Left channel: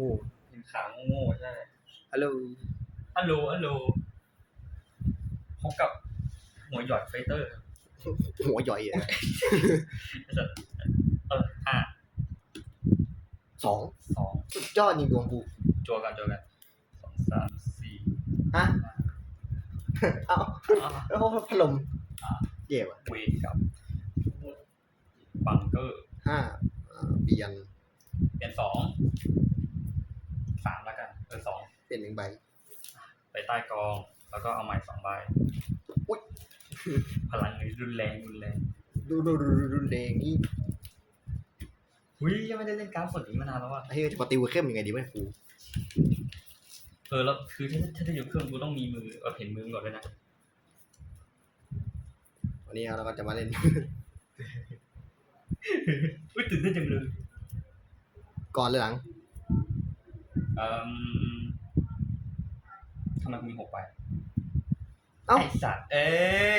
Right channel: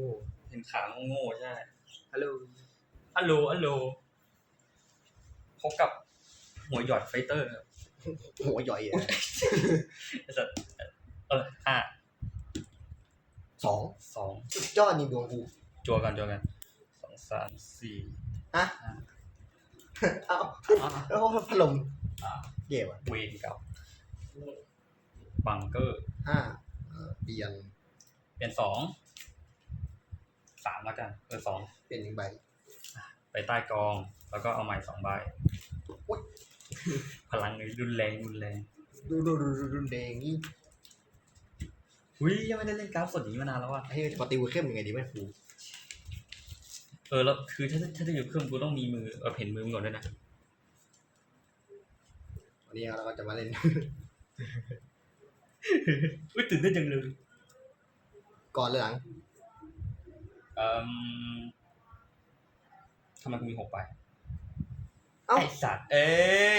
งูเห็นขาโง่ๆใช่ฮัลโหลฮัลโหลฮัลโหลพบกับหัวหยอดไฟเตอร์ครับหัวใหญ่อะไอ้สัตว์เออห้าสองสองสุดยอดนี่ดวงกูจัวกันจัวกันสองสามสี่ฮะเอาแล้วพอพัดลมเย่ว่ะเวกกับบังเกอร์ห้าอ่าเปลี่ยนเป็นสอง สามแล้วกัน เออสองเปลี่ยนหนึ่งใบไปใต้กอง แล้วก็เอาใหม่สองใบอุ๊ยพลังนี้รุนแรงรุนแรงดูดูดูดูดูแดงนี่อุ้ยยังไม่ได้เล่นกราฟสดอย่างนี้มานานแล้วว่ะไอ้ที่จะปฏิวัติเข้มยังไงดีไม่ครูเออแล้วคือถ้าถ้าจะอยู่เครื่องกูต้องมีมือเออเห็นมือมึงก่อนด้วยนะวันนี้เราก็จะมาเล่น อุ้ยตื่นเต้นจังเลยก่อนหรือหลัง เอ่มทำไมกูมีหกใบเอ้าไอสัตว์ เอ้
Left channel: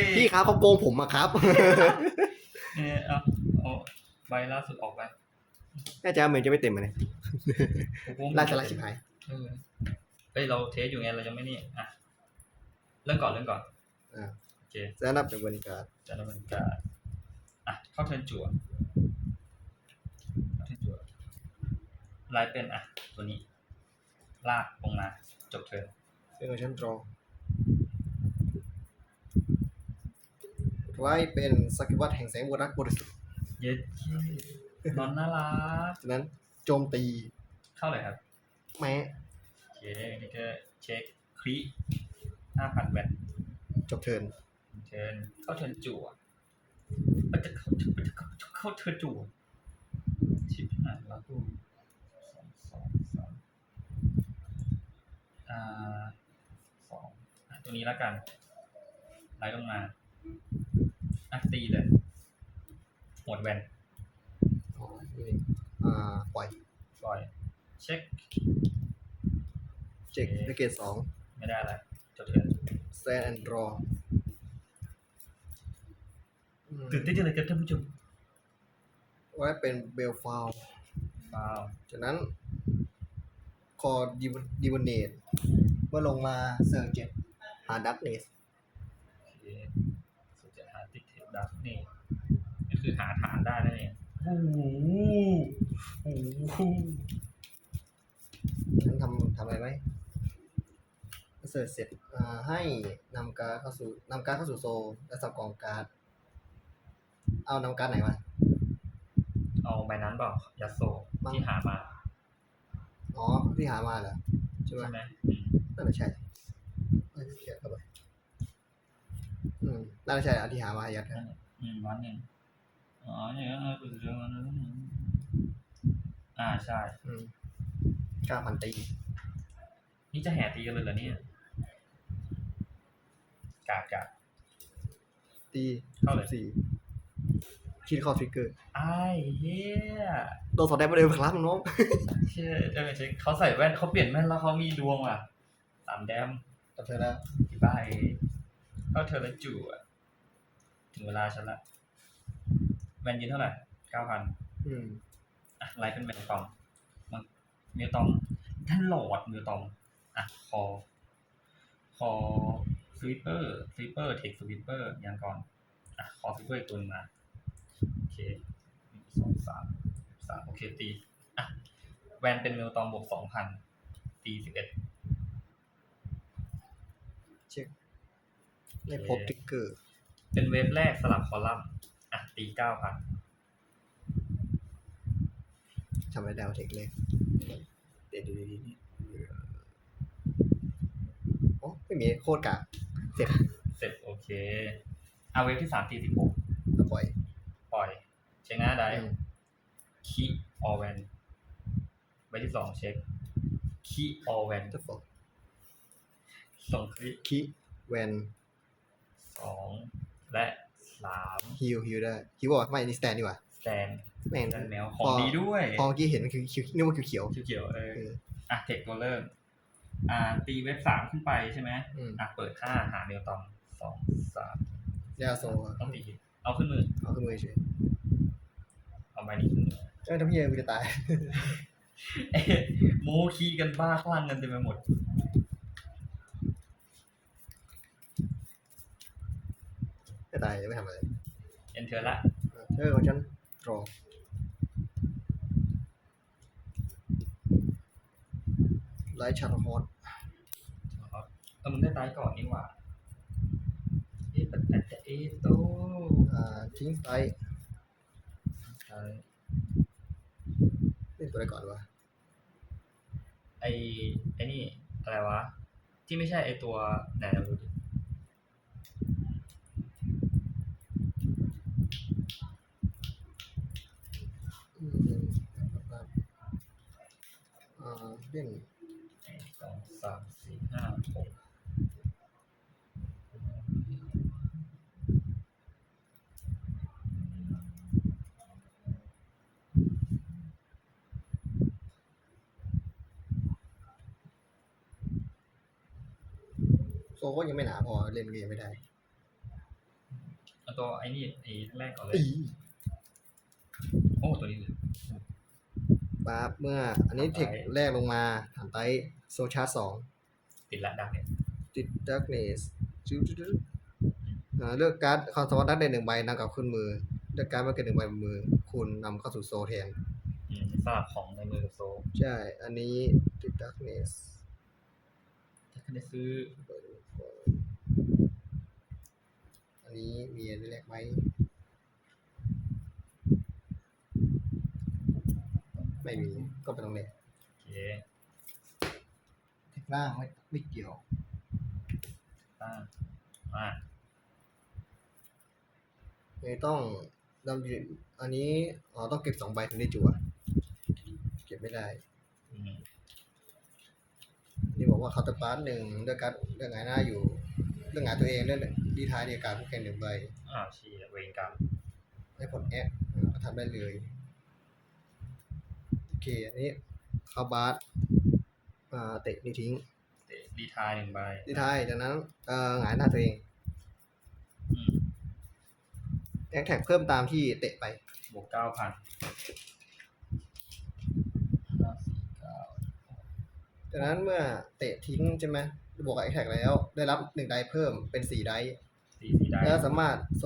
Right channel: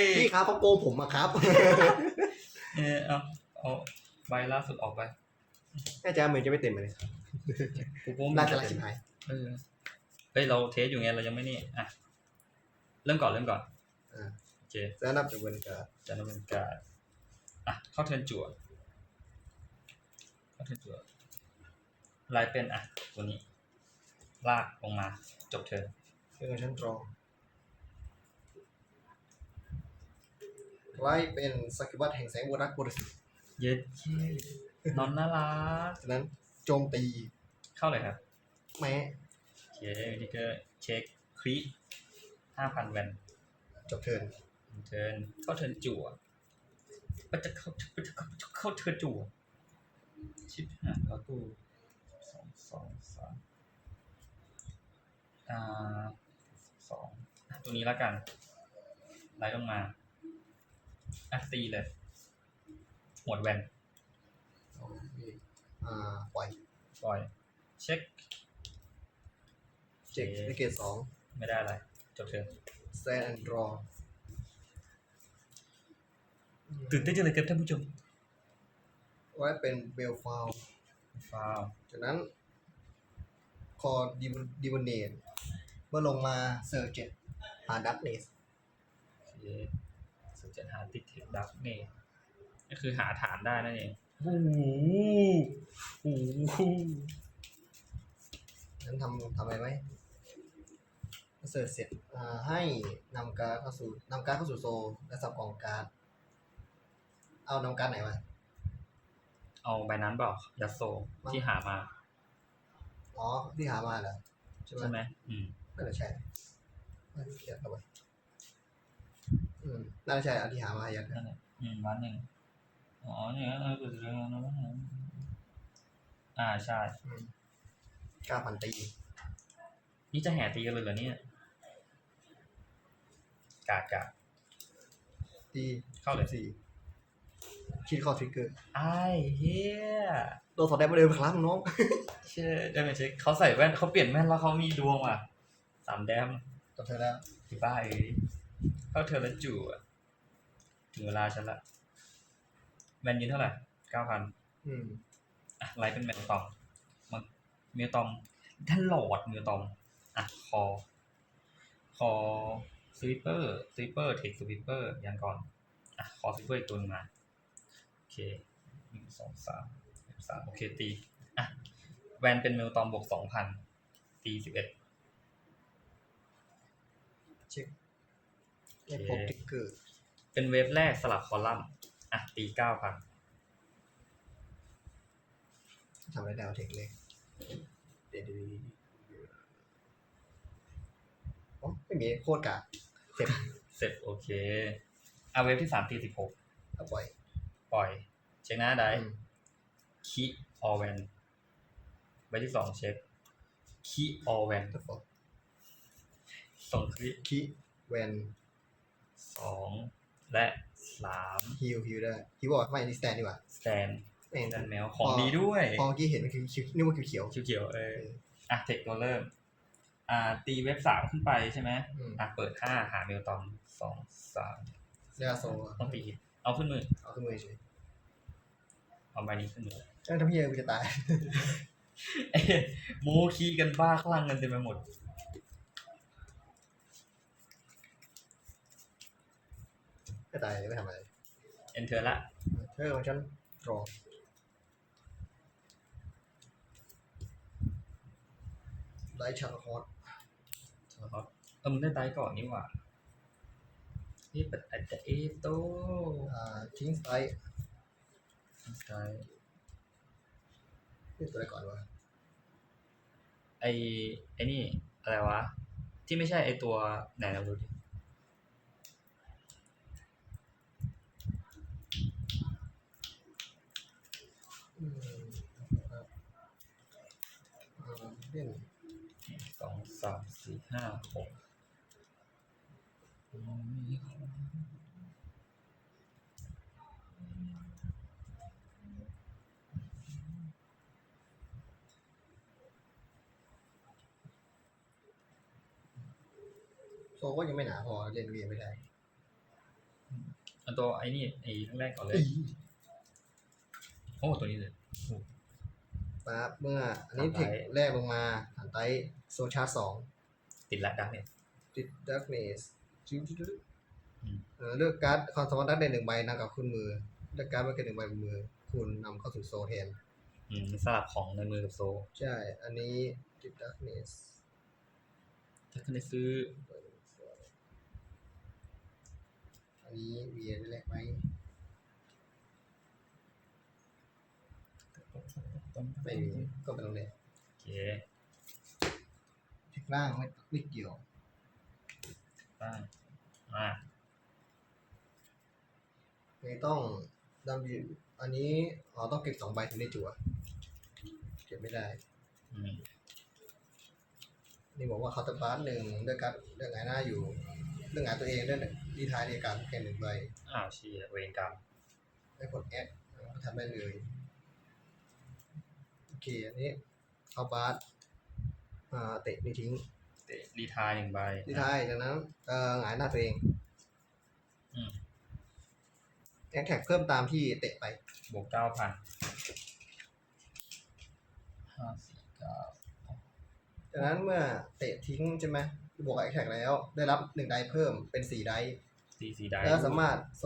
ยพี่ครับเขาโกงผมอะครับ เออเอาเอาใบล่าสุดออกไปแน่ใจว่าเหมือนจะไม่เต็มเลยกูก็ไม่ราชลักชิบหายเออเฮ้ยเราเทสอยู่ไงเรายังไม่นี่อะเริ่มก่อนเริ่มก่อนอ่าโอเคแซนับจากบนการจะดำเนินการอะเข้าเทิร์นจั่วเข้าเทิร์นจั่วลายเป็นอะตัวนี้ ลากลงมา จบเทิร์นเออฉันตรองไว้เป็นสักวัตแห่งแสงวรักบริสุทธิ์เย็ดเย้นอนน่ารักฉะนั้นโจมตีเข้าเลยครับ แม้โอเคนี่ก็เช็คคลิห้าพันแวนจบเทิร์นเทิร์นเข้าเทิร์นจั่วมันจะเข้ามันจะเข้าเข้าเทิร์นจั่วชิบหายแล้วกูสองสองสาม อ่าสองอะตัวนี้แล้วกันไล่ลงมาอะตีเลย หมดแวนอ๋อนี่อ่าปล่อยปล่อย เช็คเจ็กได้เกรดสองไม่ได้อะไรจบเทิร์นแซนแอนด์รอตื่นเต้นจังเลยครับท่านผู้ชมไว้เป็นเบลฟาวว้าวจากนั้น คอดิวดิวเนตเมื่อลงมาเซอร์เจ็ดหาดักเนสโอเคสุดจะหาติดเทปดับนี่ก็คือหาฐานได้นั่นเองโอ้โหโอ้โหฉันทำทำอะไรไว้เสร็จเสร็จอ่าให้นำการดเข้าสู่นำการดเข้าสู่โซลและสับกองการ์ดเอานำการดไหนมาเอาใบนั้นเปล่ายาโซที่หามา อ๋อที่หามาเหรอใช่ไหมใช่ไหมอืมน่าจะใช่น่าจะเขียนเข้าไปอืมน่าจะใช่อันที่หามายัดนั่นแหละอืมวันหนึ่งอ๋อเนี่ยเออกูจะเรื่องนั้นแล้วนะอ่าใช่ อืมเก้าพันตี นี่จะแห่ตีกันเลยเหรอเนี่ยกากาตีเข้าเลย สี่ คิดเข้าทริกเกอร์ไอ้เหี้ยตัวสอดได้ประเดิมครับน้องเชื่อได้ไหมเช็คเขาใส่แว่นเขาเปลี่ยนแว่นแล้วเขามีดวงว่ะสามแดมจบเธอแล้วที่บ้าเอ้ยเข้าเธอแล้วจู่อะถึงเวลาฉันละแมนยินเท่าไหร่เก้าพันอืมอะไลฟ์เป็นแมนตอมมันเมียตอมท่านหลอดเมียตอมอะคอ คอสวิปเปอร์สวิปเปอร์เทคสวิปเปอร์ยันก่อนอะคอสวิปเปอร์อีกตัวหนึงมา โอเคหนึ่งสองสามสามโอเคตีอะแวนเป็นเมลตอมบวกสองพันตีสิบเอ็ดเช็คได้พบทริกเกอร์ เป็นเวฟแรกสลับคอลัมน์อะตีเก้าพันทำไว้ดาวเทคเลยเดี๋ยวเดี๋ยวเดี๋ยวเดี๋ยวโอ้ไม่มีโคตรกะเสร็จเสร็จโอเค เอาเวฟที่สามตีสิบหกแล้วปล่อยปล่อยเช็คหน้าได้อืมคีออเวนใบที่สองเช็คคีออเวนจะฟอกส่งคลิปคิแวนสองและสามฮิวฮิวได้ฮิวบอกไม่นี่สแตนดีกว่าสแตนแม่งสแตนแมวของดีด้วยพอเมื่อกี้เห็นมันคือคิวนึกว่าคิวเขียวเขียวๆเอเออออะเทคตัวเริ่ม อ่า ตีเว็บสามขึ้นไปใช่ไหมอืมอะเปิดห้าหาเมลตอมสองสามแล้วโซต้องตีเอาขึ้นมือเอาขึ้นมือเฉย เอาใบนี้ขึ้นมือเอ้ยทำเฮียกูจะตายเอ๊ะโมคีกันบ้าคลั่งกันเต็มไปหมดไม่ตายไม่ทำอะไรเอนเทอร์ละ เออของฉันรอไลท์ชันฮอตครับเออมึงได้ตายก่อนนี่หว่าเอ๊ะปัดอาจจะเอโต อ่าทิ้งไซต์ ตายเล่นตัวอะไรก่อนวะไอไอนี่อะไรวะ ที่ไม่ใช่ไอตัวไหนเราดูดิอืมครับอ่าเล่น สองสามสี่ห้าหก โซก็ยังไม่หนาพอเล่นเกมไม่ได้อันตัวไอนี่ไอแรกก่อนเลย โอ้ตัวนี้เลยปั๊บเมื่อ อันนี้ถัดไปเทคแรกลงมาฐานไตโซชาร์สองติดละดักเนี่ยติดดักเนสจุ๊ดจุ๊ดจุ๊ดอืมเลือกการ์ดคอนสวอตดักเดนหนึ่งใบนำกลับขึ้นมือเลือกการ์ดมาเกินหนึ่งใบบนมือ คุณนำเข้าสู่โซแทนอืมสลับของในมือกับโซ ใช่ อันนี้ติดดักเนสถ้าคุณได้ซื้อ อันนี้มีอันแรกไหมไม่มีก็เป็นตรงนี้โอเคเทคล่างไม่ไม่เกี่ยวตั้งอ่าไม่ต้องดำอยู่อันนี้อ๋อต้องเก็บสองใบถึงได้จั่วเก็บไม่ได้ อืมนี่บอกว่าเขาน์เตอร์การ์ดหนึ่งเลือกการ์ดเลือกหงายหน้าอยู่ เลือกหงายตัวเองเลือกดีท้ายในการดแค่หนึ่งใบอ้าวเชียเวรกรรมได้ผลแอคทำได้เลยโอเคอันนี้เข้าบาสอ่าเตะนี่ทิ้งเตะรีทายหนึ่งใบดีท้ายจากนั้นเอ่อหงายหน้าตัวเองอืมแอคแท็กเพิ่มตามที่เตะไปบวกเก้าพันห้าสี่เก้าจากนั้นเมื่อเตะทิ้งใช่ไหม บวกกับแอคแท็กแล้ว ได้รับหนึ่งไดเพิ่มเป็นสี่ไดสี่สี่ได้แล้วสามารถโซ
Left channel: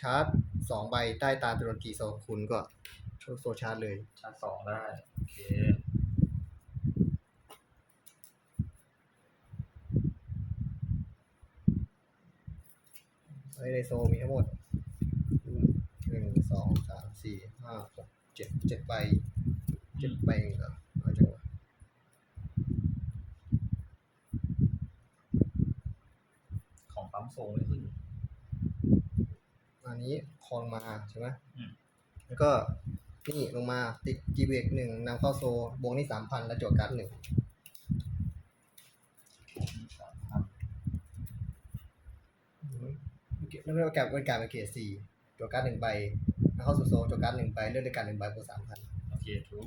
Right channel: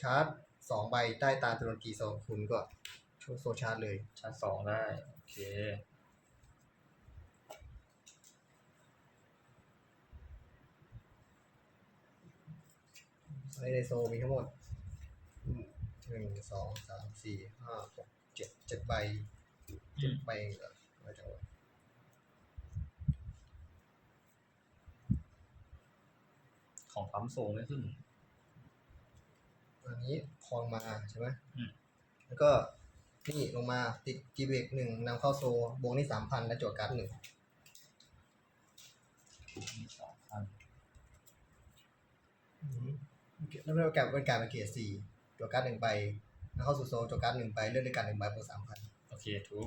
ชาร์จสองใบใต้ตาจำนวนกี่โซคุณก็โซชาร์จเลยชาร์จสองได้ โอเค ในโซมีทั้งหมดหนึ่งสองสามสี่ห้าหกเจ็ดเจ็ดใบเจ็ดใบเองเหรอเอาจังวะ ของปั๊มโซไม่ขึ้นอันนี้คอนมาใช่ไหมอืมแล้วก็นี่ลงมาติดจีเบกหนึ่งนำเข้าโซบวกนี่สามพันและโจทย์การ์ดหนึ่งสามพันอืมแล้วก็แกะเป็นการเป็นเกียร์สี่โจทย์การ์ดหนึ่งใบนำเข้าสู่โซโจทย์การ์ดหนึ่งใบเลือกด้วยการหนึ่งใบบวกสามพันโอเคทุก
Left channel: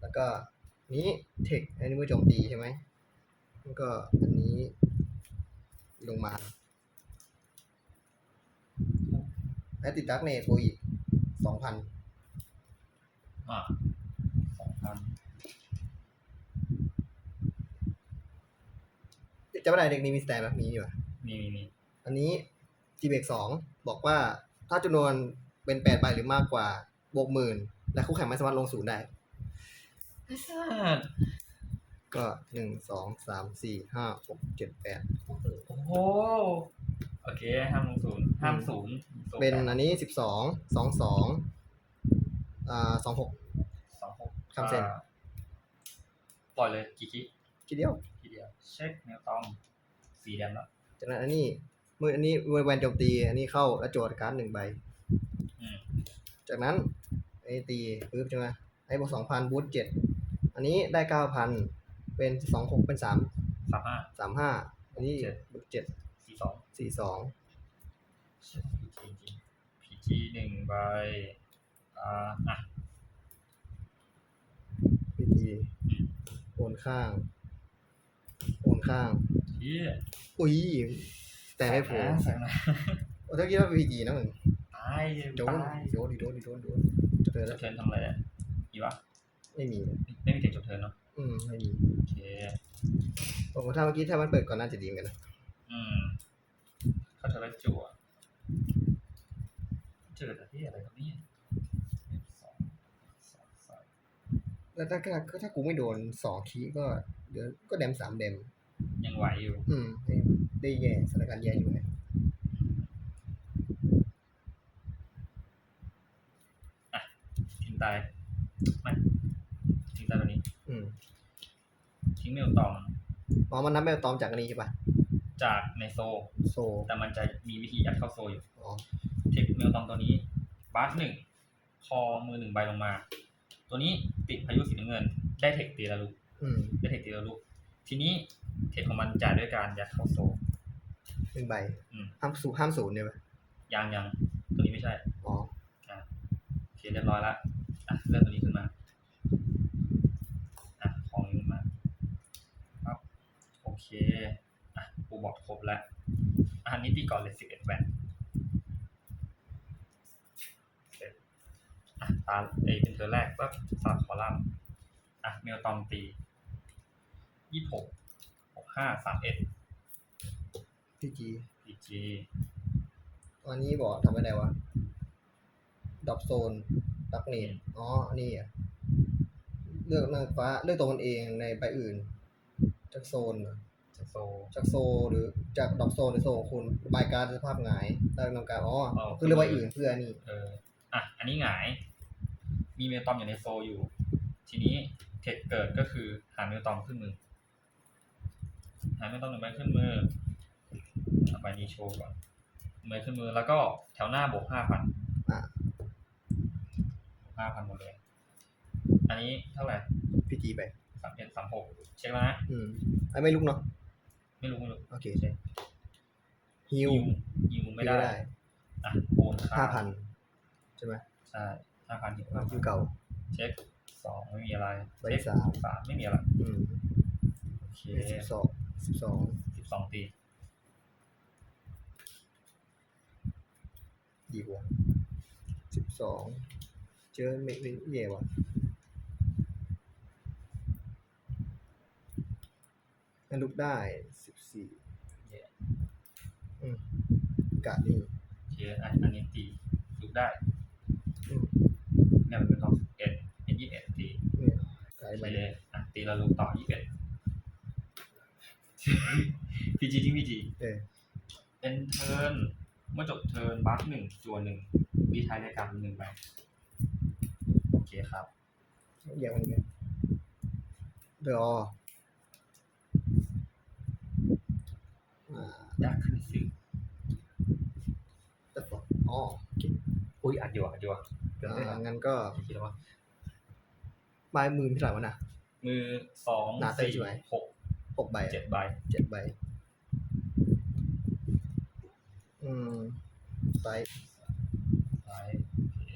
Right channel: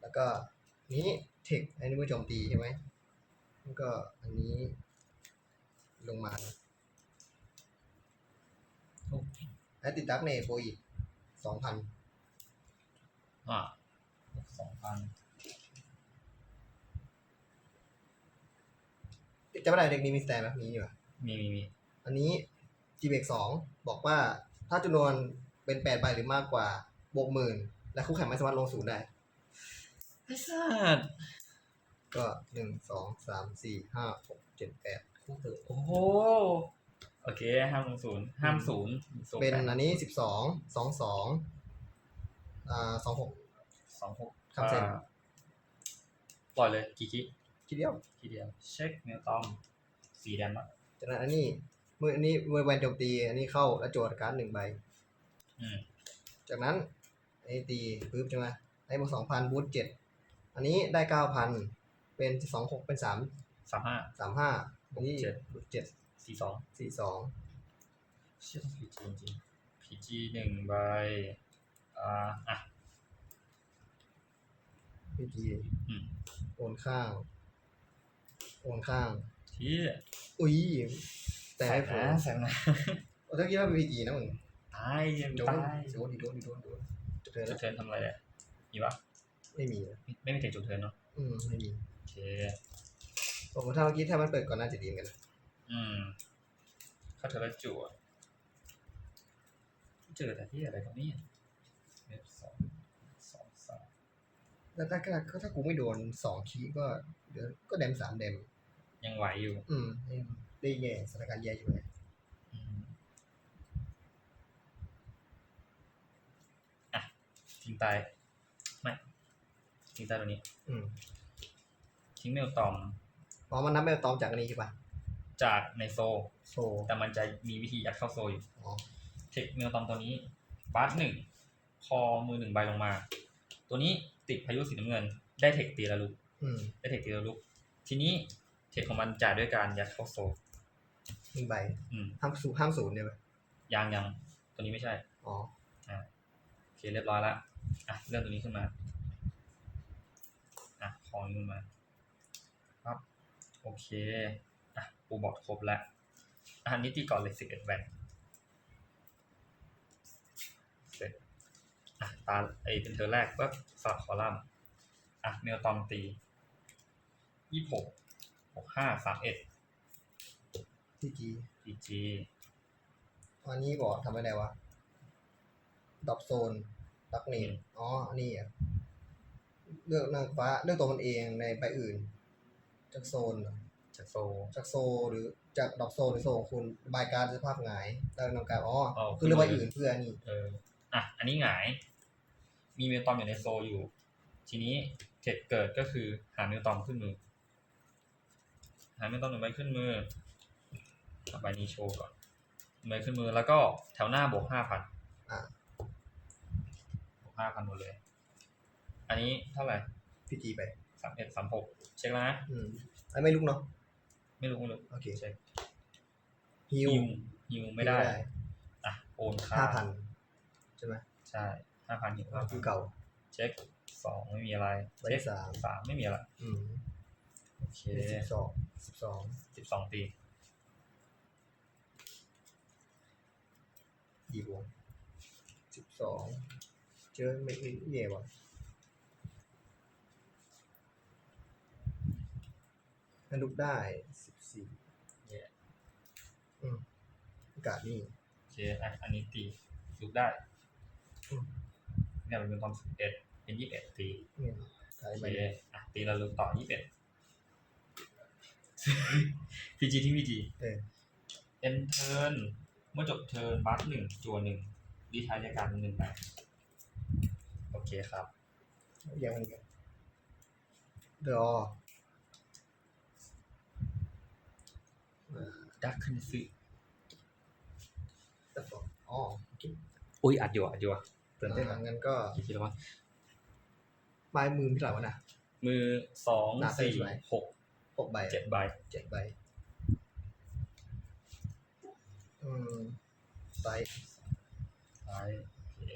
แล้วก็นี้เทคอันนี้เมื่อโจมตีใช่ไหมแล้วก็อันนี้ลงมา และติดดักเนตโบอีกสองพันอะสองพันจะไม่ได้เด็กนี้มีสแตนไหมมีอยู่อะมีมีมีอันนี้จีเบกสองบอกว่าถ้าจำนวนเป็นแปดใบหรือมากกว่าบวกหมื่นและคู่แข่งไม่สามารถลงศูนย์ได้ไอ้สัสก็หนึ่งสองสามสี่ห้าหกเจ็ดแปดโอ้โห โอเคห้ามลงศูนย์ห้ามศูนย์โซเป็นแปดอันนี้สิบสองสองสองอ่าสองหก สองหกคำเซ็นอ่าปล่อยเลยกี่คิทีเดียวทีเดียว เช็คเมลตอมสีแดงแล้วจากนั้นอันนี้เมื่ออันนี้เมื่อแวนโจมตีอันนี้เข้าแล้วโจทย์การ์ดหนึ่งใบ อืมจากนั้นอันนี้ตีปึ๊บใช่ไหมไอ้บวกสองพันบูทเจ็ดอันนี้ได้เก้าพันเป็นสองหกเป็นสามสามห้า สามห้าอันนี้เจ็ด บูทเจ็ด สี่สองสี่สองเชื่อพีจีจริงพีจีหนึ่งใบอ่าอะพีจีอืมโอนข้าง โอนข้างที่อุ้ย แต่ได้ผลนะใส่นะโอ้ถ้าคิดว่าพีจีนะมึงตายยังโดนตายโดนดิโดนดิโดนโดนจะเจอจะแล้วเทิร์นทำอะไรอะมีปะวไม่มี ไม่มีเทคจบเทิร์นเนาะอืมไม่มีโอเคผมว่าถ้าเมื่อกี้ถ้ามันเปิดก่อนน่าจะดีเหมือนกันนะ อืมเข้าเทอร์ละจั่วเจอแต่ที่อะไรครับเนี่ยเว็บสองสองสามแล้วถ้าถ้าถ้ากูไม่โดนสองคีย์ก็เดี๋ยวก็แดมสามแดม ยังไหวอยู่ อืม ได้ได้แย่สถานการณ์แย่อยู่ไงอะทิ้งตายไม่ทิ้งตายตัวนี้ อืม ทิ้งเมลตอมอ๋อมันนับไม่ตอมจากอันนี้ใช่ปะ จากในโซ โซแต่มันจะมีวิธียัดเข้าโซอยู่ อ๋อเทคเมลตอมตัวนี้บาสหนึ่งคอมือหนึ่งใบลงมา ตัวนี้ติดพายุสีน้ำเงิน ได้เทคตีละลุกอืมได้เทคตีละลุก ทีนี้เทคของมันจ่ายด้วยการยัดเข้าโซ หนึ่งใบอืมห้ามสูห้ามศูนย์เนี่ยปะยังยังตัวนี้ไม่ใช่ อ๋อโอเคเรียบร้อยแล้วอะเลื่อนตัวนี้ขึ้นมา อะของนี้ขึ้นมาครับโอเค อะปูบอร์ดครบแล้วอะอันนี้ตีก่อนเลยสิบเอ็ดแวนเสร็จอะตาเอยเป็นเธอแรกก็สลับคอลัมน์อะเมลตอมตียี่หกหกห้าสามเอ็ดพีจีพีจีอันนี้บอกทำอะไรวะดอปโซนดักเนตอ๋ออันนี้อะเลือกเลือกฟ้า เลือกตัวมันเองในใบอื่นจากโซนเหรอ จากโซ จากโซหรือจากดอกโซนหรือโซของคุณบายการดสภาพหงายได้นำการอ๋ออ๋อ คือเลือกใบอื่นเพื่อนี่เอออะ อันนี้หงาย มีเมลตอมอยู่ในโซอยู่ ทีนี้เทคเกิดก็คือหาเมลตอมขึ้นมือ หาเมลตอมหนึ่งใบขึ้นมือเอาใบนี้โชว์ก่อนใบขึ้นมือแล้วก็แถวหน้าบวกห้าพันอะบวกห้าพันหมดเลย อันนี้เท่าไหร่พีจีไปสามเอ็ดสามหกเช็คแล้วนะ อืมไอ้ไม่ลุกเนาะ ไม่รู้ไม่รู้โอเคเช็คฮิวยิวยิวไม่ได้อะโอนค่าห้าพันใช่ไหมใช่ห้าพันหิวอ๋อคิวเก่า เช็คสองไม่มีอะไรใบเช็คสามสามไม่มีอะไรอืมโอเคสิบสองสิบสองสิบสองตีดีกว่าสิบสองเจอไม่ไม่แย่ว่ะ นั่นลุกได้สิบสี่เย่อืมกาดนี่โอเคอันอันนี้ตีลุกได้อืมเนี่ยมันเป็นตองสิบเอ็ดเป็นยี่สิบเอ็ดตีเนี่ยกาดโอไปเคเลยอะตีแล้วลุกต่อยี่สิบเอ็ดพีจีที่พีจี เออเอ็นเทิร์นเมื่อจบเทิร์นบัฟหนึ่งจัวหนึ่งดีท้ายรายการหนึ่งไปโอเคครับ อย่างนี้กันเดี๋ยวอ่าดักขึ้นซื้อแต่ฟออ๋อโอเคอุ้ยอัดอยู่อัดอยู่อะเตือนเต้นอ่าอะงั้นก็กี่ทีแล้ววะปลายมือมีเท่าไหร่วะนะมือสองหนาเส้นสี่ใช่ไหมหกหกใบอะเจ็ดใบเจ็ดใบ อืมไซส์ท้ายโอเค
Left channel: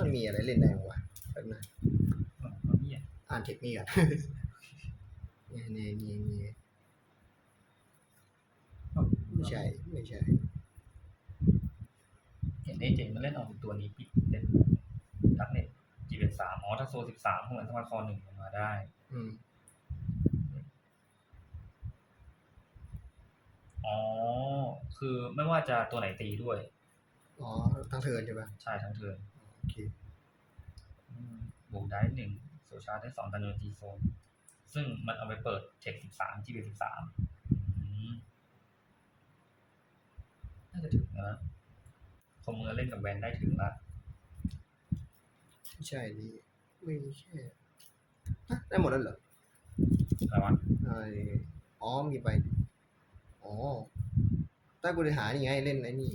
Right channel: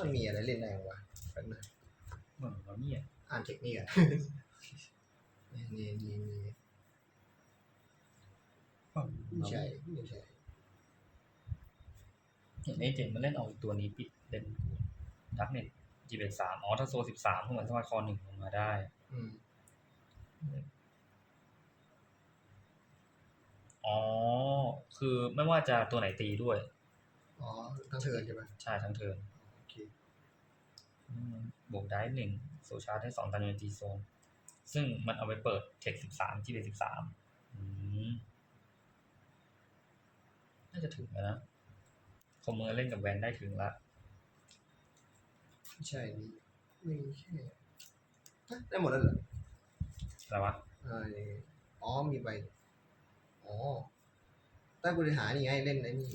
มันมีอะไรเล่นได้บ้างวะแป๊บหนึงเนี่ยอ่านเทคนิคก่อนนี่นี่นี่นี่ไม่ใช่ไม่ใช่เห็นไอเจนมันเล่นเอาตัวนี้ปิดเล่นดักเน็ตจีเป็นสามอ๋อถ้าโซสิบสามเหมือนสมาร์ทคอร์หนึ่งลงมาได้ อืมอ๋อ คือไม่ว่าจะตัวไหนตีด้วย อ๋อทั้งเทิร์นใช่ปะใช่ทั้งเทิร์น โอเคอืมบวกได้หนึ่งโซชาร์จได้สองตันยูจีโซน ซึ่งมันเอาไปเปิดเทคสิบสามจีเป็นสิบสามน่าจะถึงแล้วนะคอมเมอร์เล่นกับแวนได้ถึงละไม่ใช่นี่ไม่แค่ฮะได้หมดแล้วเหรออะไรวะไออ๋อมีไปอ๋อใต้บริหารนี่ไงเล่นไอ้นี่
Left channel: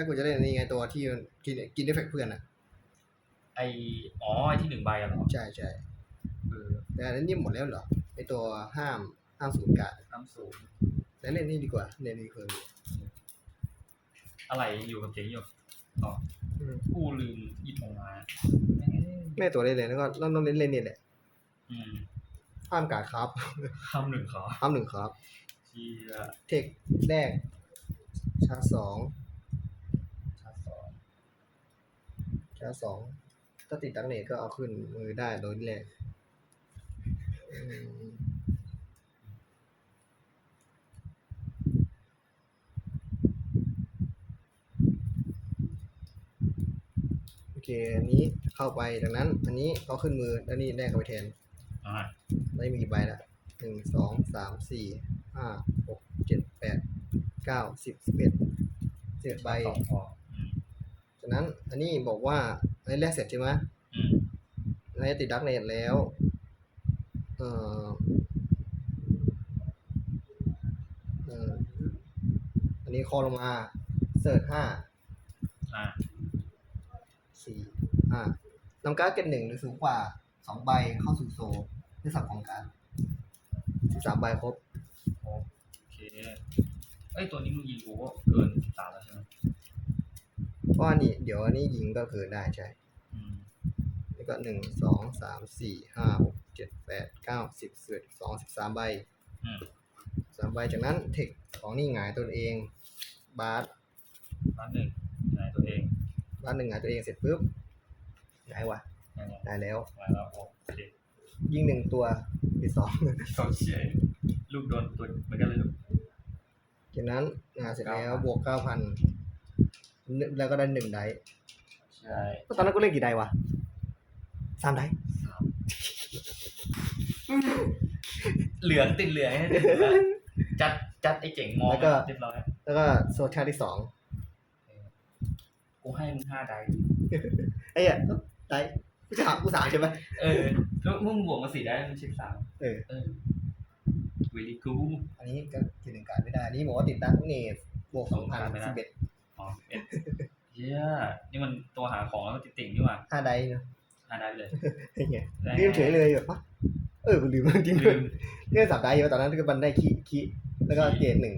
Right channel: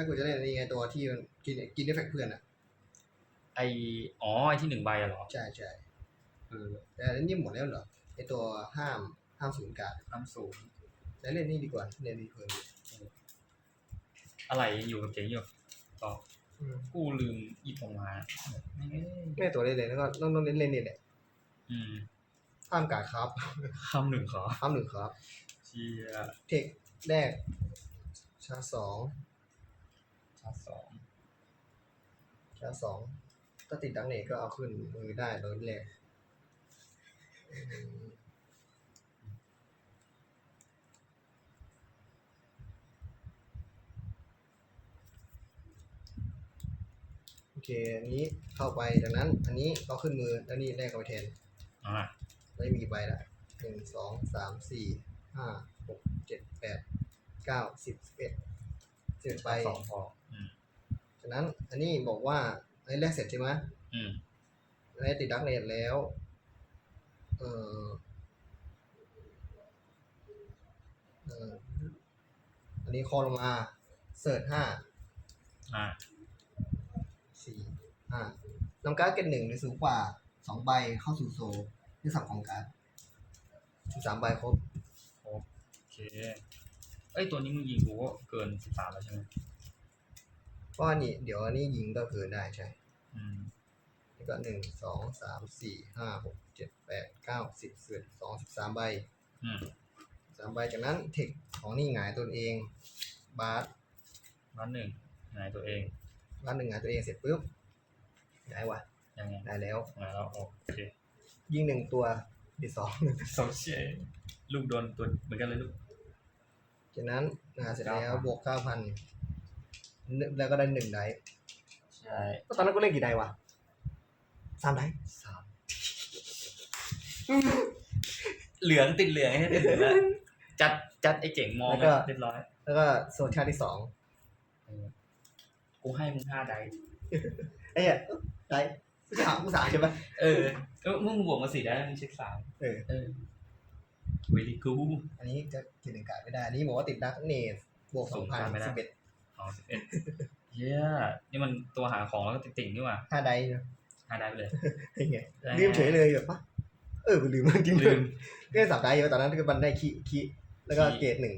ถ้ากูจะเล่นนี่ไงตัวที่มันกินกินเอฟเฟกต์เพื่อนอะ ไออ๋อไอที่หนึ่งใบอะเหรอใช่ใช่เออแต่อันนี้หมดแล้วเหรอไอตัวห้ามห้ามศูนย์การ์ดน้ำสูงแล้วเล่นนี่ดีกว่าเล่นนี่คืออะไรอยู่กับเจ๊อยู่อ๋ออืมกูลืมหยิบออกมาแม่งเอ้ยไม่ตัวเล่นเลยแล้วก็ต้องต้องเล่นเล่นนี่แหละอืมห้ามการ์ดครับคำหนึ่งขอห้ามหนึ่งครับ เชียเทคแรกชาร์จสอง ชาร์จสอง ชาร์จสองถ้าติดดักเนตก็เอาขึ้นมือได้โดยแรกอืมโอเค อันนี้เข้าไปดังนั้น อันนี้เอาขึ้นมือแล้วนี่แรกเข้าไปแทนอ่าได้มีกี่ใบละหนึ่งสองสามสี่ห้าหกเจ็ดแปดเก้าสิบสิบเอ็ดสิบเอ็ดใบสองพอ อืมจากนั้นอันนี้บอกว่าอันนี้แรกเสร็จใช่ไหมอืมอันนี้ติดดักเนตแล้วเอ่อเอ่ออันนี้คอลงมาเสิร์ชห้าอ่าสี่ห้านำการ์ดเกตหนึ่งหรือสูงกว่าสองใบเข้าสู่โซลด้วยสับของการ์ดสิบสามใบครบโอเคเอ้ยตัวนี้มึงยิงกูก็เกินสิบสามแล้วใช่ไหม เพราะอันนี้เดี๋ยวอันนี้ยิงก็คือได้ใช่อืมแล้วก็หนึ่งสองสามสี่ห้าหกเจ็ดแปดเก้าสิบสิบเอ็ดสิบสองสิบสามใบอืมสามใบจากนั้นเทคของนี่หงายตัวเอง บาสร้านหนึ่งไหนตัวเองบาสหนึ่งหงายตัวเองเสร็จปุ๊บหงายวะยังไงหงายแล้วงานแล้วโอเคยิงหนึ่งตัวอีกสองโซเชียลลูกโดนตัวเหมือนกันเลยลูกจากนั้นหงายเสร็จแล้ว9,000บวกเก้าพัน แล้วก็ได้หนึ่งไดส์ใช่ตอนนั้นกูเล่นกี่ไดส์วะสามไดส์สามเหลืองติดเหลืองให้ติดเหลืองแล้วจัดจัดไอ้เจ๋งมองเรียบร้อยแล้วก็โซชาร์ที่สองกูให้มึงห้าไดส์ไอ้เหี้ยไดส์กูจะหากูสามใช่ไหมเออก็มึงบวกมาสี่ได้มึงเช็คสามเออเออเวลีกูอันนี้ก็กินหนึ่งการดไม่ได้อันนี้บอกว่าติดดักเนสบวกสองพันสิบเอ็ด อ๋อสิบเอ็ดเย้ยนี่มันตัวหาของแล้วก็ติดติ่งนี่หว่าห้าไดส์เนอะห้าไดส์ไปเลยไอ้เงี้ยได้ลืมเฉยเลยแบบปะเออกูลืมจริงๆลืมเล่นสามได้เยอะตอนนั้นก็มันได้คีคีแล้วก็คีเกรดหนึ่ง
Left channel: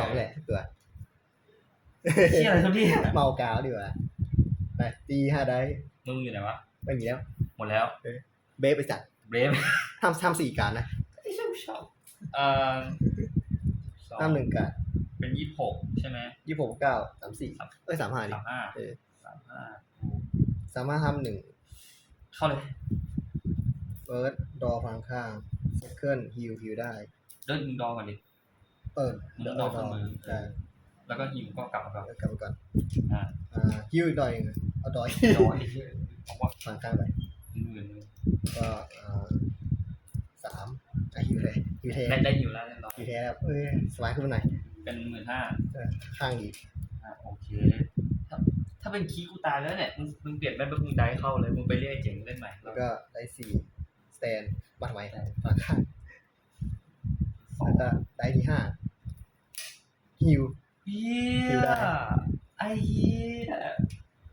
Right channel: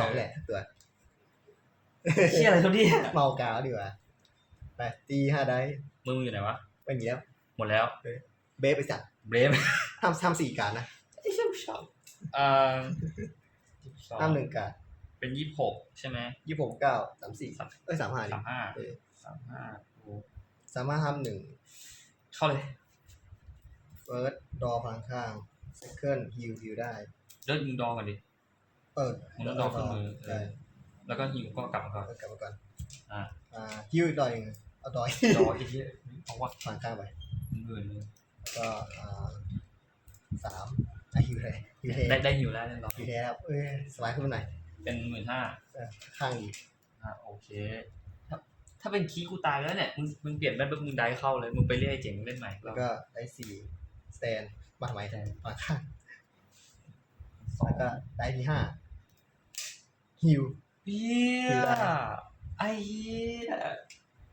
สองแหละสักตัวเชี่ยอะไรเขาเนี่ยเมากาวดีกว่าไปตีห้าได้มึงอยู่ไหนวะไม่มีแล้วหมดแล้วเบฟไปจัดเบรฟทำทำสี่การนะไอ้เชี่ยชอบเอ่อทำหนึ่งการ เป็นยี่สิบหกใช่ไหมยี่สิบหกเก้าสามสี่เอ้ยสามห้าดิสามห้าเออสามห้าโอ้สามารถทำหนึ่งเข้าเลยเฟิร์สดอพลังข้างเซคันด์ฮิวฮิวได้เดินยิงดอก่อนดิเออมึงต้องดอขึ้นมือได้แล้วก็ฮิวก็กลับมาก่อนเอากลับมาก่อนอ่าอ่าฮิวอีกดอยหนึ่งเอาดอยดอไอ้เหี้ยเอาวะพลังข้างไปหมื่นเลยแล้วก็อ่าสามอะฮิวเลยฮิวเทได้ได้ฮิวแล้วเรียบร้อยฮิวเทครับเอ้ยสบายขึ้นมาหน่อย เป็นหมื่นห้าเออข้างดีอ่าโอเค ถ้าถ้าเป็นคีย์กูตายแล้วเนี่ยมึงมึงเปลี่ยนแม่ปุ๊บมึงได้เข้าเลยมึงไปเรียกไอ้เจ๋งเล่นใหม่แล้วก็ได้สี่สแตนบัตรไว้ใช่บัตรข้างสองแล้วก็ได้ที่ห้าฮิว เฮีคิวยได้ไอ้เฮีย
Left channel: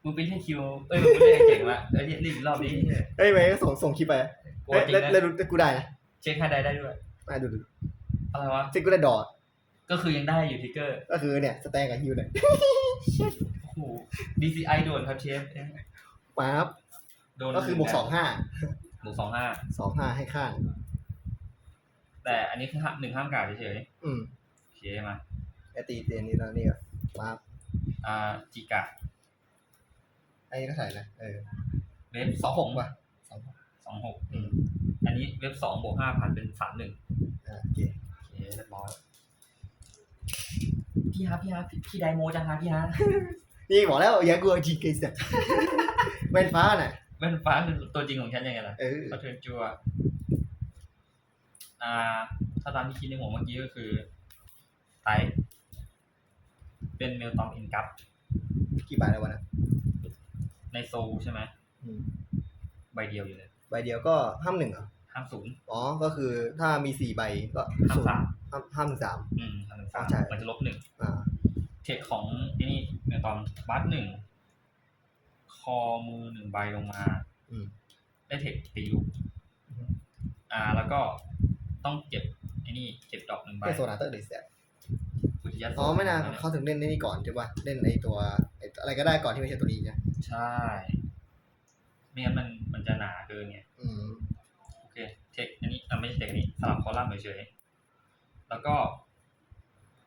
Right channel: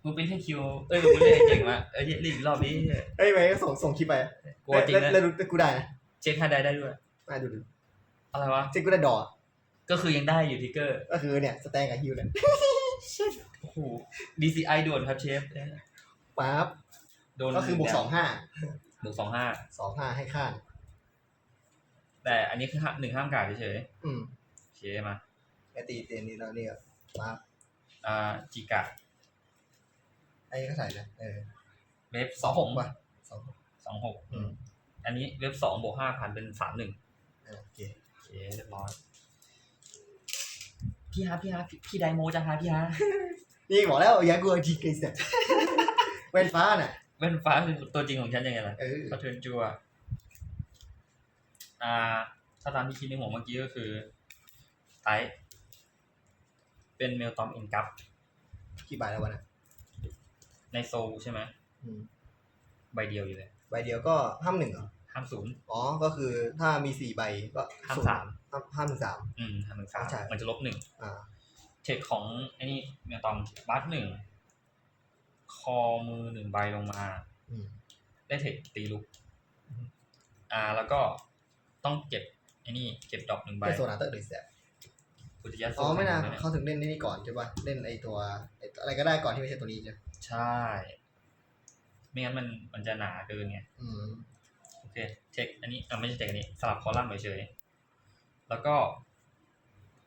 มึงเป็นแค่คิวเอ้ยมึงไม่ได้เก่งว่ะเอ้ยเรียกอีกรอบนี้เอ้ยไหมก็ส่งส่งคลิปไปกูว่าจริงแล้วนะแล้วแล้วกูได้นะเช็คค่าได้ได้ด้วย มาดูดูอะไรวะเช็คกูได้ดอท ก็คือยังได้อยู่ทิกเกอร์ก็คือเนี่ยสแตนกับฮิวเนี่ยโอ้โห DCI โดนครับเชฟปั๊บโดนก็คือบวกสองห้าบวกสองห้าสองห้าให้ข้างแต่อันนี้คือห้าหนึ่งห้ามกาดเฉยอืมๆโอเคมาไอตีเตียนนี้แล้วนี่ก็ปั๊บอ่าจิกะไอ้ก็ใส่นะเออเว็บสองหกป่ะสองหกสองหกอืมอันนี้เว็บสองบวกห้าพันเป็นสามหนึ่งอ่าโอเคโอเคเรียบร้อย พี่ฮะพี่ฮะพี่พี่ไดโมจังฮะพี่ฮะนี่บอกแล้วอย่ากลัวจีเกสเนี่ยเป็นฟ้าน่ะแว่นฟ้าคือตัวจริงของฉันยังไงล่ะเออเขาเทิร์นจัวอ่า ถ้าตามที่คิดในหัวเมื่อกี้ก็คือไทยเป็นเมลตอมอินกัปกี่บาทแล้ววะนะในโซลใช่ไหมอืมใบเดียวอยู่เลย ใบเดียวก็ห้ามหนึ่งเหรอ ห้ามศูนย์อ๋อ ก็คือถ้ามีสี่ใบก็ห้ามศูนย์สามห้ามห้ามหนึ่งสาม อืมห้ามหนึ่งสามใช่มันจะลบหนึ่งอ่า เททคของไอ้นี่เมลตอมบัสหนึ่งคอมือหนึ่งใบลงมา อืม ได้เทคตีลูกอ่า แล้วก็ต้องเก็บไอ้นี่เก็บดอกหนึ่งใบเป็นโซนาเตอร์หรือแซดพุทธิยศอ๋อไม่นานเขาถึงเล่นนี่ก่อนใช่ปะเล่นไอตัวไอ้อะไรก็ได้ก่อนที่ไม่ใช่ตัวนี้ใช่ใช่ ไม่งั้นมันมันจะหนาเกินไง อืม โอเคเทคอันนี้อะไม่ใช่เทคอันนี้สลับคอลัมน์เฉยๆแล้วก็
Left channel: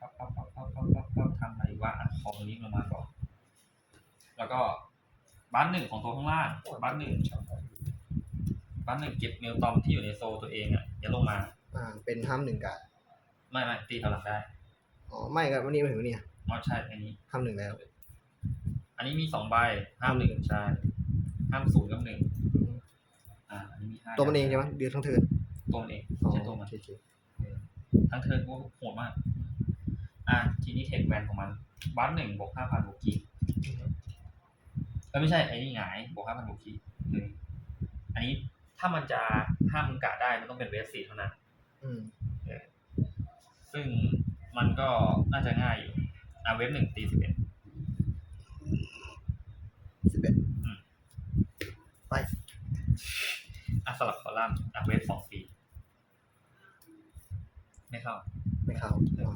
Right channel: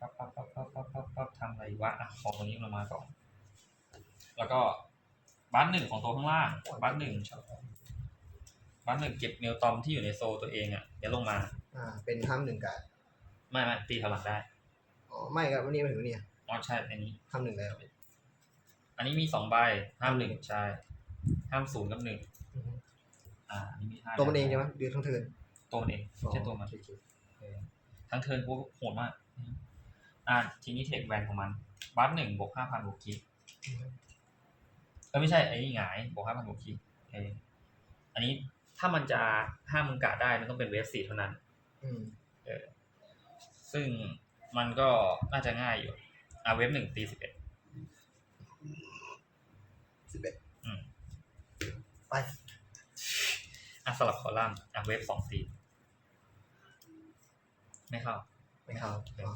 ปั๊บปั๊บปั๊บปั๊บปั๊บปั๊บปั๊บทำอะไรวะอะคอตัวนี้ลงมาก่อน แล้วก็บ้านหนึ่งของตัวข้างล่างบ้านหนึ่งบ้านหนึ่งเก็บเมลตอมที่อยู่ในโซลตัวเองอะอย่าลงมา อ่า เป็นห้ามหนึ่งกาดไม่ไม่ตีถอยหลังได้อ๋อไม่ก็วันนี้มาถึงวันนี้อ๋อใช่อันนี้ห้ามหนึ่งแล้ว อันนี้มีสองใบห้ามหนึ่งใช่ห้ามศูนย์กับหนึ่ง อืมอ่าอันนี้มีห้าตัวมันเองใช่ไหมเดือนทั้งเทิร์นตัวมันเองไม่ใช่ตัวมันโอเคทั้งเทิร์นกูโหดมาก อ่าทีนี้เทคแวนของมัน บัสหนึ่งบวกห้าพันบวกคีเออไม่ใช่ ไอ้นี่หงายบวกห้าพันบวกคีโอเคอันนี้ถ้ามันจะห้ามมึงกะได้ มันต้องเป็นเวฟสี่เท่านั้นอืมเออซึ่งมันก็น่าจะง่ายอยู่ อ่าเวฟหนึ่งตีสิบเอ็ด สิบเอ็ด ไป อะส ลับคอลัมน์อะเวฟสองตีไม่เข้า ไม่เข้าอ๋อ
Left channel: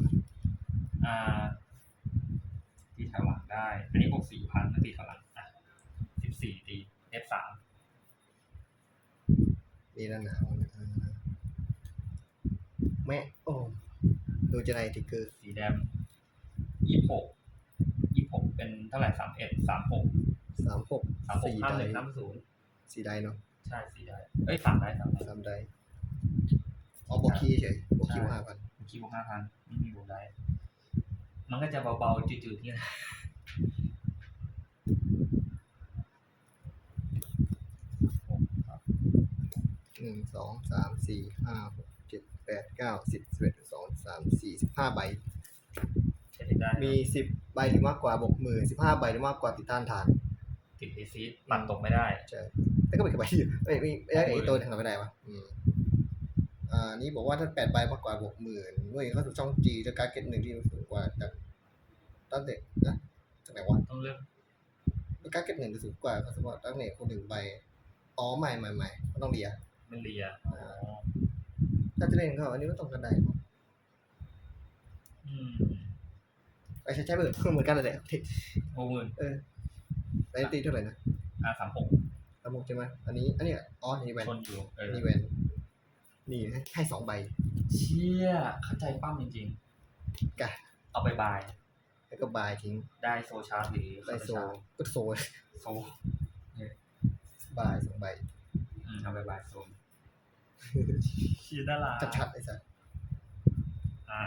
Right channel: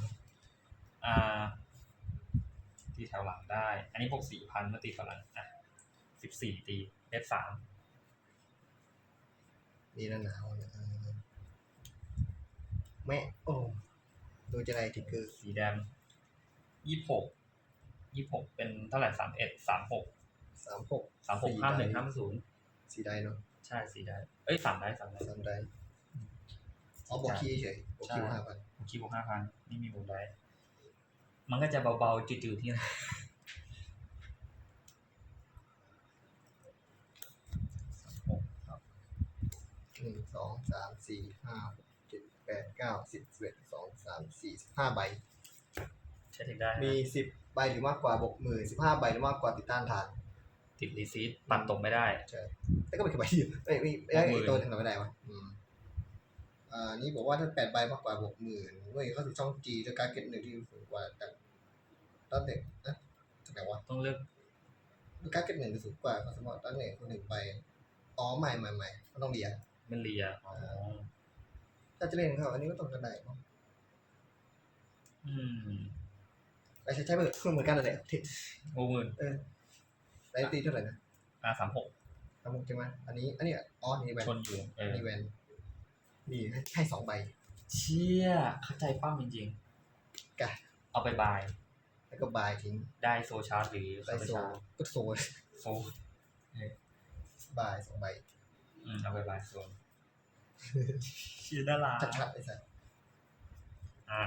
อ่าตีแถวหลังได้ อันนี้บวกสี่พันเมื่อตีแถวหลังอะสิบสี่ตีเอฟสามมีหน้าหนาวนะอ่าแม่โอ้ดูจะในติ๊กเกอร์สีแดงยี่หกยี่หกเป็นเท่าไหร่สามเอ็ดสามหกสามหกสามหกห้าหนึ่งห้าศูนย์สี่ได้เนาะ ใช่สีได้ เอ้ยสามได้สามได้สามได้อ๋อบวกคีย์เฉยบวกคีย์ห้าพันผมคิดบวกห้าพันนี่มีบวกได้ มันก็จะเบาๆจืดๆที่ไหนหนึ่งสองสามสี่ห้าหกเจ็ดแปดเก้าสิบสิบเอ็ดสองสามสี่สิบห้าใบใช้เทคได้มีสิบใบหรือมากกว่าบวกหมื่นสิบห้าใบหรือมากกว่าติดต้านทาน ติดรีซีดตัดตกไม่ได้ใช่แล้วก็เป็นแค่ใบเดียวไม่ไม่ไม่ไอ้ตัวทางไหนไม่ได้วะอืมอ่านี่บอกว่าถ้าแปดใบมากกว่าบวกหมื่นเว้ยเข้าสู่ช่องจีแล้วการเก็ตหนึ่งที่สูงกว่าจากตั้งเด็กนะจากไหนวะต้องเลือกการเก็ตหนึ่งจะสูงกว่าสมมติตั้งเด็กคนหนึ่งใบอ๋อใหม่ใหม่ใหม่ก็ต้องเรียมันเลียอ๋อถ้าจะเล่นเขาอันนี้ก็ต้องกระไดเนาะอืมไอ้ใช้ใช้เหมือนเหมือนกันเลยที่โอ้หมื่นเออ ไอ้ตีเท่าไหร่นะอ่าสามหกสามหกใช่ไหมอันนี้ อันนี้อ๋อนี่แวนชนอยู่เออนี่แวนนี่ให้ให้สองใบเชี่ยเข้าใจปั้มจริงกะๆ เอาไปบาย แล้วก็บายทิ้งได้โซชาร์จหรือไลโซชาร์จก็โซโซบายสองใบอืมเอาไปบายโซนเชี่ยน่ารักชัดๆไอ้สัสอ่า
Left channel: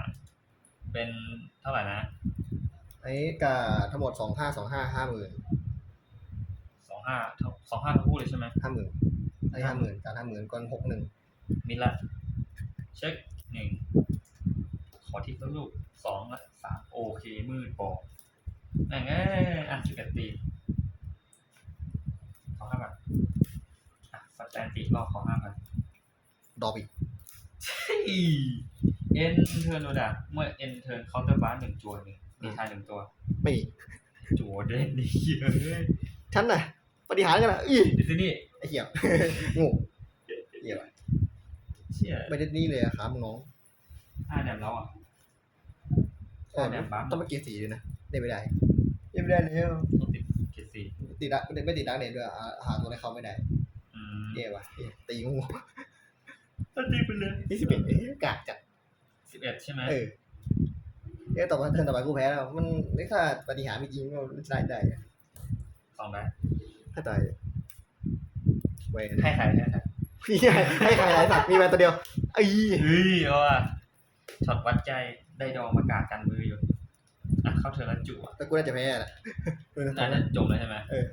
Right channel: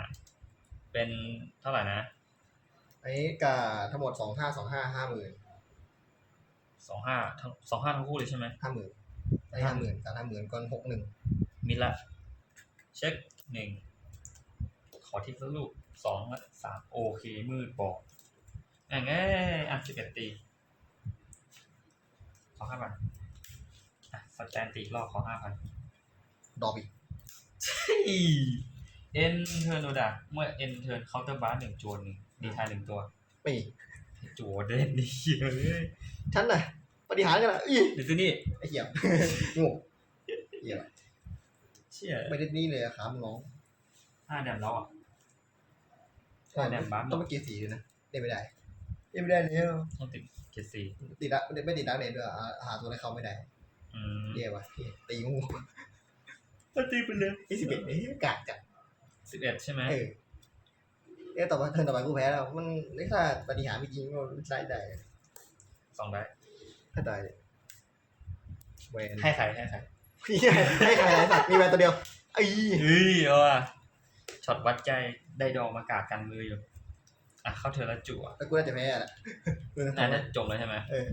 เป็นเท่าไหร่นะ อันนี้กาทั้งหมดสองห้าสองห้าห้าหมื่น สองห้าสองห้าทั้งคู่เลยใช่ไหมห้าหมื่นอันนี้ห้าหมื่นการห้าหมื่นก่อนหกหนึ่งมิดละ เช็คหนึ่งขอทิปสักลูกสองละสามโอเค มืดบอกแม่งเอ้ยอะสิบเอ็ดตีขอห้าพันอะสแตนติรอบขอห้าพันดอกอีกเอ็นเทิร์นโดดะเมื่อเอ็นเทิร์นเคาน์เตอร์บาร์หนึ่งจวนหนึ่งมีทายหนึ่งตัวไม่มีจัวเด่นดีเฮ้ยฉันน่ะ ปฏิหารกันนะอีเดี๋ยวสินี่ไอ้เหี้ยโง่เหี้ยเชี่ยไม่ได้นี่เลยอะครับน้องห้าแดมแล้วอะ ใช่แดมบัฟต้องไปเกียร์สีเลยนะเล่นไม่ได้เล่นไม่ได้แล้วต้องติดเกรดสี่ติดละไม่ได้ไม่ติดดักเน็ตด้วยอะหาตัวให้เขาไม่ได้อืมเย่ว่ะเหี้ยตีงูตีไปเลยนี่สิบเอ็ดเอ๊ะกากจัดสิบเอ็ดใช่ไหมเออเอ๊ะต่อไปเทิร์นต่อไปกูแพ้แล้ว มันนี่ถ้าปฏิหารไม่จริงก็ได้ได้อะสองได้ให้ ตายเลยเวนให้ใครให้ใครให้ใครหลายสัตว์มีแวนตัวเดียวไอ้เฮ้ยเอาอะช็อตวัดใจได้ดองมากาดกันมืออยู่อะเข้าเธอแล้วจั่วแต่กูน่าจะแพ้แหละเออน่าจะจบเลยใช่ไหมเออ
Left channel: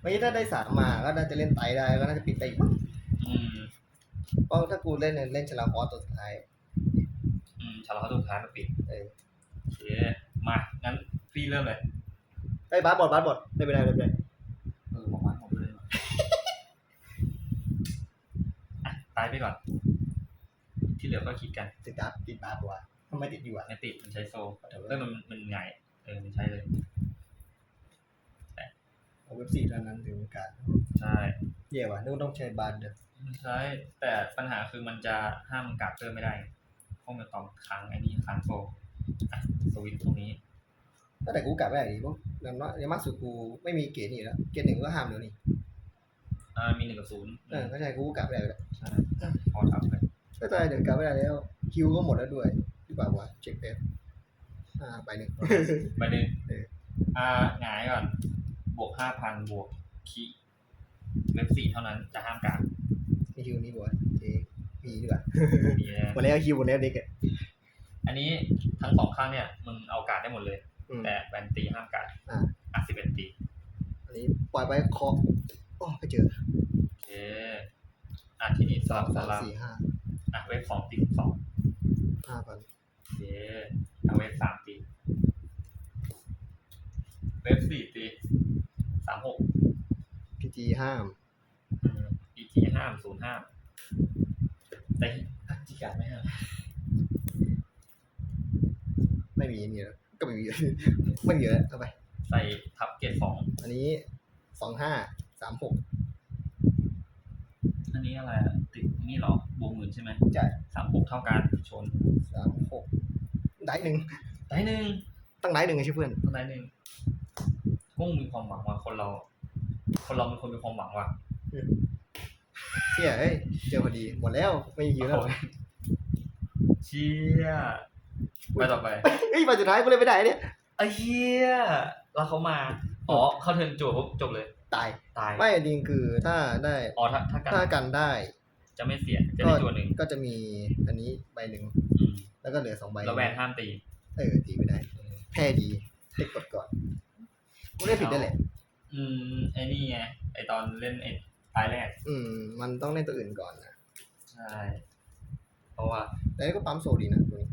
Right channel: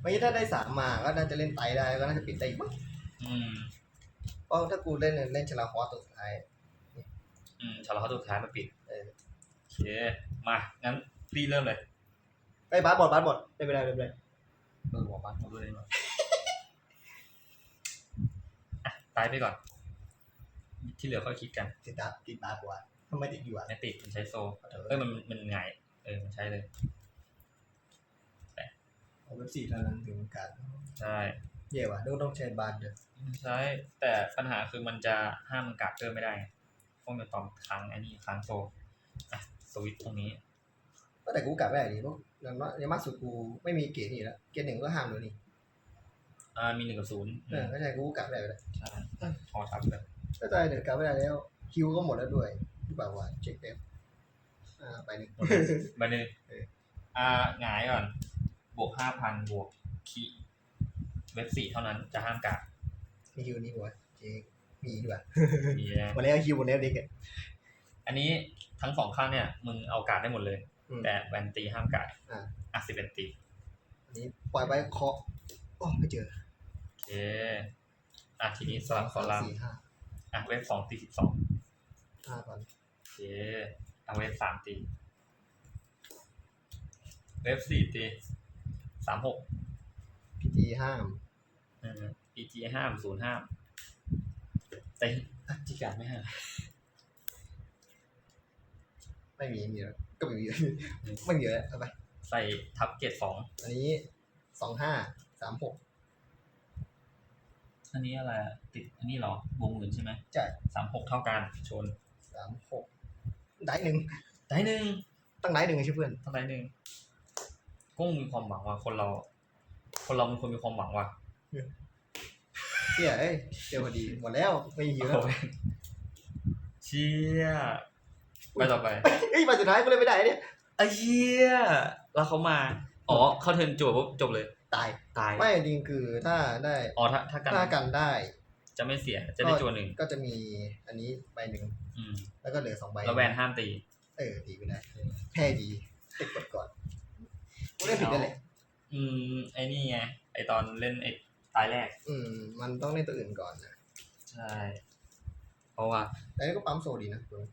เมื่อกี้ถ้าได้สามมาก็น่าจะเล่นไตได้ก็น่าจะปิดได้อีกมั้งอืมเพราะถ้ากูเล่นเล่นชลาคอสตัวสุดท้ายอืมชาร์ลเขาตัวสุดท้ายมาปิดเออโอเคมางั้นรีเริ่มเลยไอ้ยบาสบอลบาสบอลเล่นไม่ได้เล่นไม่ได้ เออบอกว่าผมดูได้หมดอะตายไปก่อน ที่เหลือก็คิดกันติดดับติดบาสกว่าทำไมติดอยู่อะนติดมันใช้โซเอ้ยมันมันไงายเออมันใช่เลยเอาเว็บสี่เท่านั้นถึงการใช่เย่ว่ะต้องต้องใช้บานเด้อใช่แต่ปัญหาคือมันจะห้ามการ์ดเพิ่มไม่ได้เพราะมันตอมค้างไอ้นี่ค้างโซอะสวิตช์ตรงนี้ ก็แต่กูกลับไม่ได้ดิเพราะอย่างน้อยอย่างมากสุดกูไม่มีเกรดนี่แล้วเกรดหนึ่งก็ห้ามเดี๋ยวนี้อ่ามีหนึ่งกับศูนย์เออก็ใช่กูกลับไม่ได้อยู่แล้วใช่พอทับเลยก็ใช่เดี๋ยวกลับไม่ได้แล้วคิวก็หมดแล้วด้วยหรือเปล่าวะเช็คเอฟอ่าไปหนึ่งไปเลยเอออ่าหงายก่อน บวกห้าพันบวกคีเว็บสี่เท่านั้นจะห้ามการ์ดมีคิวนี่บ่วะเจ๊มีดีกว่ามีนะหมดแล้วคิวหมดแล้วเด็กอะอันนี้ทั้งสองข้างเนี่ยมึงเอาการ์ดได้หมดเลยอืม แต่แวนตีห้ามการ์ดอ่าอะสิบเอ็ดตีอันนี้ปล่อยไปเคาะโอ้ไม่เจอโอเคอะทีนี้สสาลัมบสสามลับสี่ห้าอะเว็บสองตีสิบสองห้าพันโอเคเอาเว็บสามตี เว็บสี่ตีสามหกพีจีห้ามอีจีห้ามศูนย์ห้ามแต่อะจีการ์ดไม่ห้ามไม่มีมีแล้ว ก็ไม่มี ไม่มีแล้วเอาไปใส่ทับเกรดสองอันนี้สองห้าสามหกอันนี้อะไรอะติดอันนี้เหรอบวกหมื่นใช่ไหมจ่ายสามหกเท่ากันชนสามหกได้หนึ่งได้หนึ่งตั้งไหนหนึ่งไอ้ชื่อเพื่อนเท่าไหร่หนึ่งกุ้งมีความหวังว่ะคนเรา คนเรามันควรมีความหวังว่ะเชี่ยเอ้ยเจอพอดีหมดแล้วไม่มีคิวแล้วโอ้ยเชี่ย ไปต่อไปเอ้ยไปสุดท้ายกูเลยไม่ได้เนี่ยไอ้เหี้ยแล้วเขามาอ๋อเข้าเทิร์นจวบปุ๊บจบเลย ตายตายไม่จริงคือถ้าได้อ๋อถ้าถ้ากันถ้ากันได้ จะไม่เสียจะได้จวหนึ่งก็จะมีอันนี้ใบหนึ่งอืมแล้วก็เหลือสองใบแล้วแวนห้ามตี เออตีไม่ได้ แพ้ดีเด็กกดก่อนกูได้ผิดได้แหละอืมไอ้นี่ไงไอตอนเล่นไอตายแรก อืม มันต้องเล่นตัวอื่นก่อนนะใช่ เพราะว่าแต่นี่ก็ปั๊มโซดีนะตัวนี้